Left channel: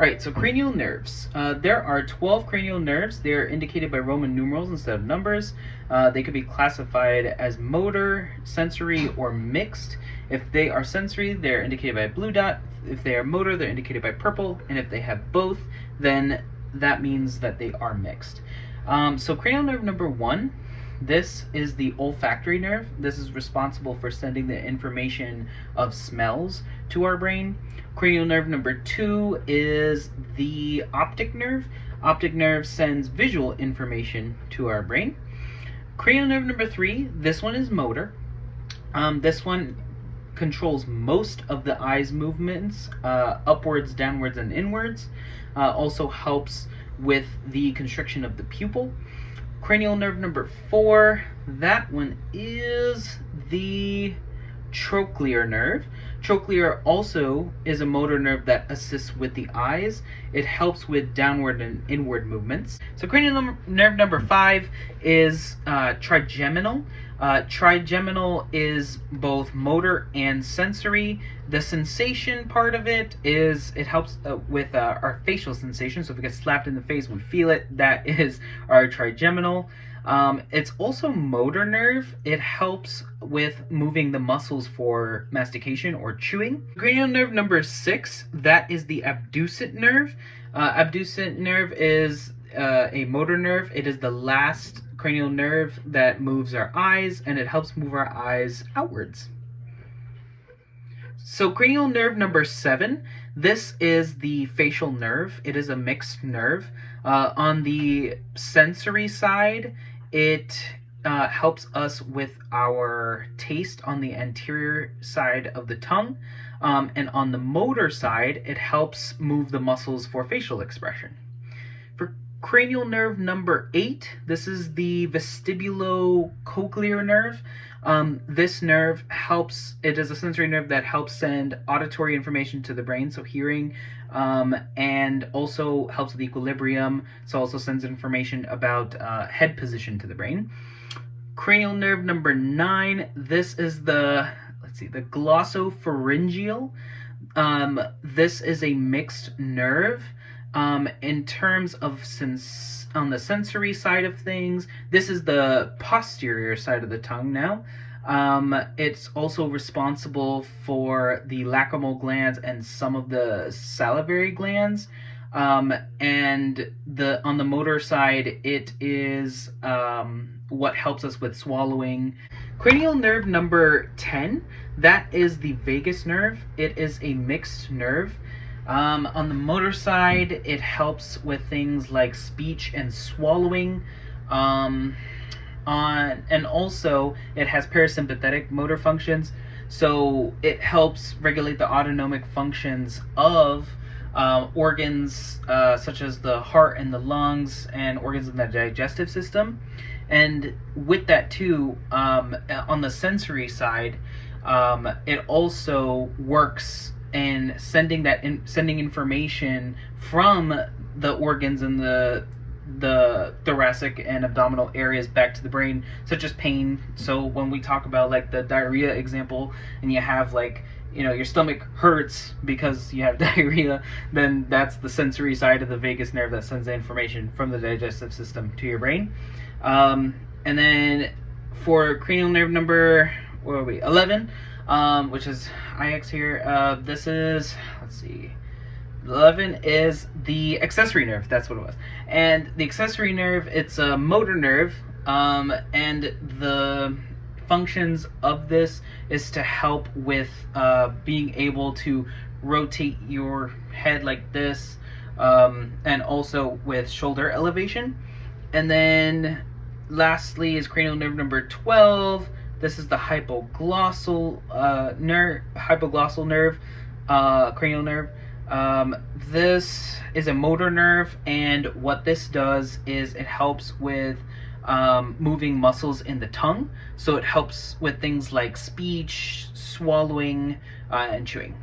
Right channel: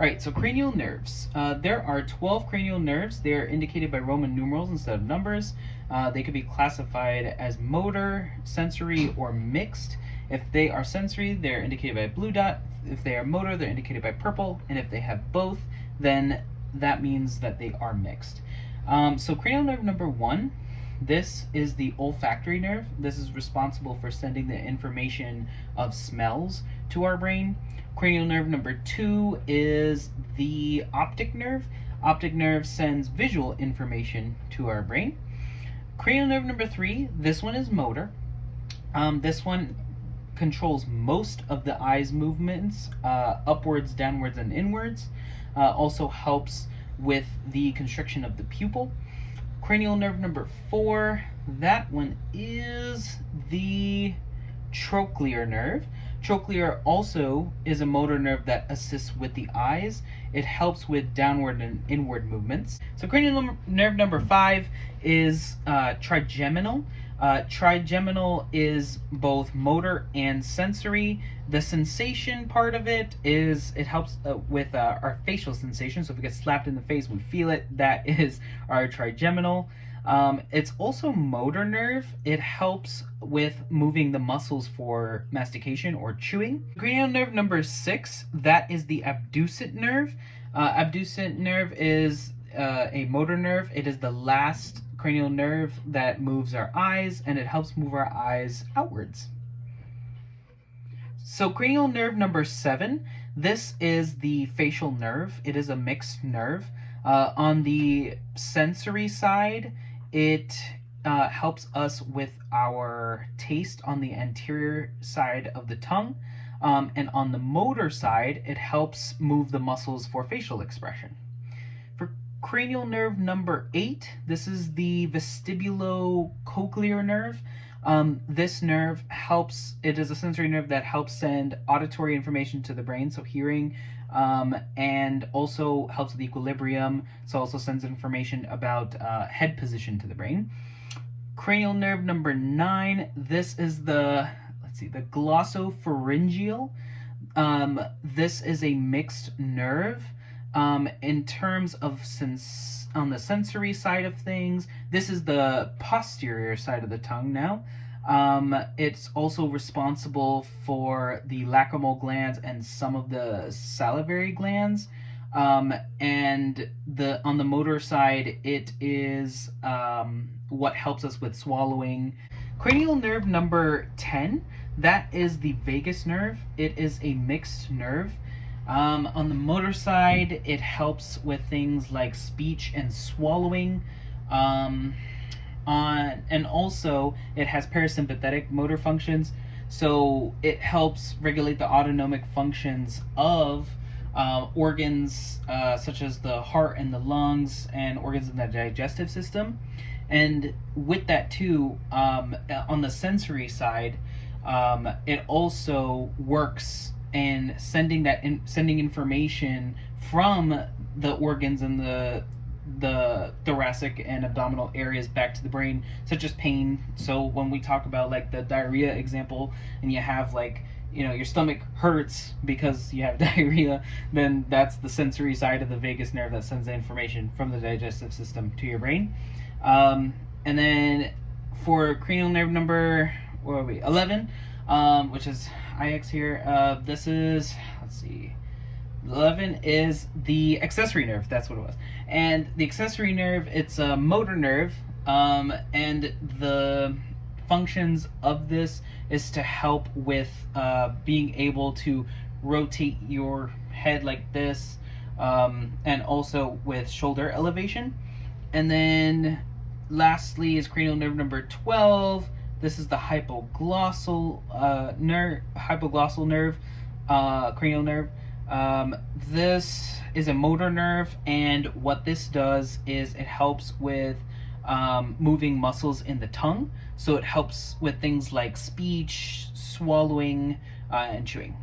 Alright, so cranial nerves. There are 12 cranial nerves. They're indicated by Roman numerals instead of numbers. They could be classified as motor, sensory, or mixed. If they are sensory, they're indicated by a blue dot. If they are motor, they're indicated by purple. And if they have both, then that means that they are mixed. So cranial nerve number 1, this is the olfactory nerve. This is responsible for sending the information of smells to our brain. Cranial nerve number 2 is the optic nerve. Optic nerve sends visual information to our brain. Cranial nerve number 3, this one is motor. This one controls most of the eye's movements, upwards, downwards, and inwards. Also helps with the constriction of the pupil. Cranial nerve number 4, that one is the trochlear nerve. Trochlear also is a motor nerve that assists with the eyes. It helps with downward and inward movements. So cranial nerve number 5 is trigeminal. Trigeminal is both motor and sensory. The sensation part of it is it helps with our facial sensation. So if we get slapped in the face, we feel it. That is our trigeminal. It's also motor nerve. It helps with moving the muscles for mastication or chewing. Cranial nerve number 6, that is the abducent nerve. Abducent nerve is a motor nerve. It is the last cranial nerve that moves our eyes, and it helps move our eyes outwards. So cranial nerve number 7, this is the facial nerve. It is a mixed nerve. On the sensory side, it helps us with our taste on the anterior side of the tongue. And on the motor side, it helps move the muscles for facial expression. For cranial nerve number 8, this is the vestibulocochlear nerve. This nerve helps, it is a sensory nerve that helps send auditory information to the brain, so hearing, and also helps with equilibrium, so also sends information about head position to the brain. Cranial nerve number 9, this is the, the glossopharyngeal. This is a mixed nerve. In terms of on the sensory side of things, this is the posterior side of the tongue now. It's also responsible for the lacrimal glands and some of the salivary glands. And on the motor side, it is what helps us with swallowing. Cranial nerve number 10, that is the vagus nerve. It is a mixed nerve. On the motor side, it helps with things like speech and swallowing. And also it has parasympathetic motor functions, so it helps regulate the autonomic functions of organs such as the heart and the lungs and organs in the digestive system. And with that too, on the sensory side, it also works in sending information from the organs in the thoracic and abdominal areas back to the brain, such as pain. So when we talk about like the diarrhea example, and you have like, your stomach hurts because you have diarrhea, then that's the sensory side of the vagus nerve that sends the information from the digestive system to your brain. And then for cranial nerve number 11, which is IX here, this is, 11 is the accessory nerve. That's what it was. And the accessory nerve, it's a motor nerve, and the functions of this is to help with being able to rotate your head like this, and also with shoulder elevation. And then lastly is cranial nerve number 12. This is the hypoglossal nerve, cranial nerve. This is a motor nerve, and what this does is it helps with moving muscles in the tongue. So it helps with things like speech, swallowing, and chewing.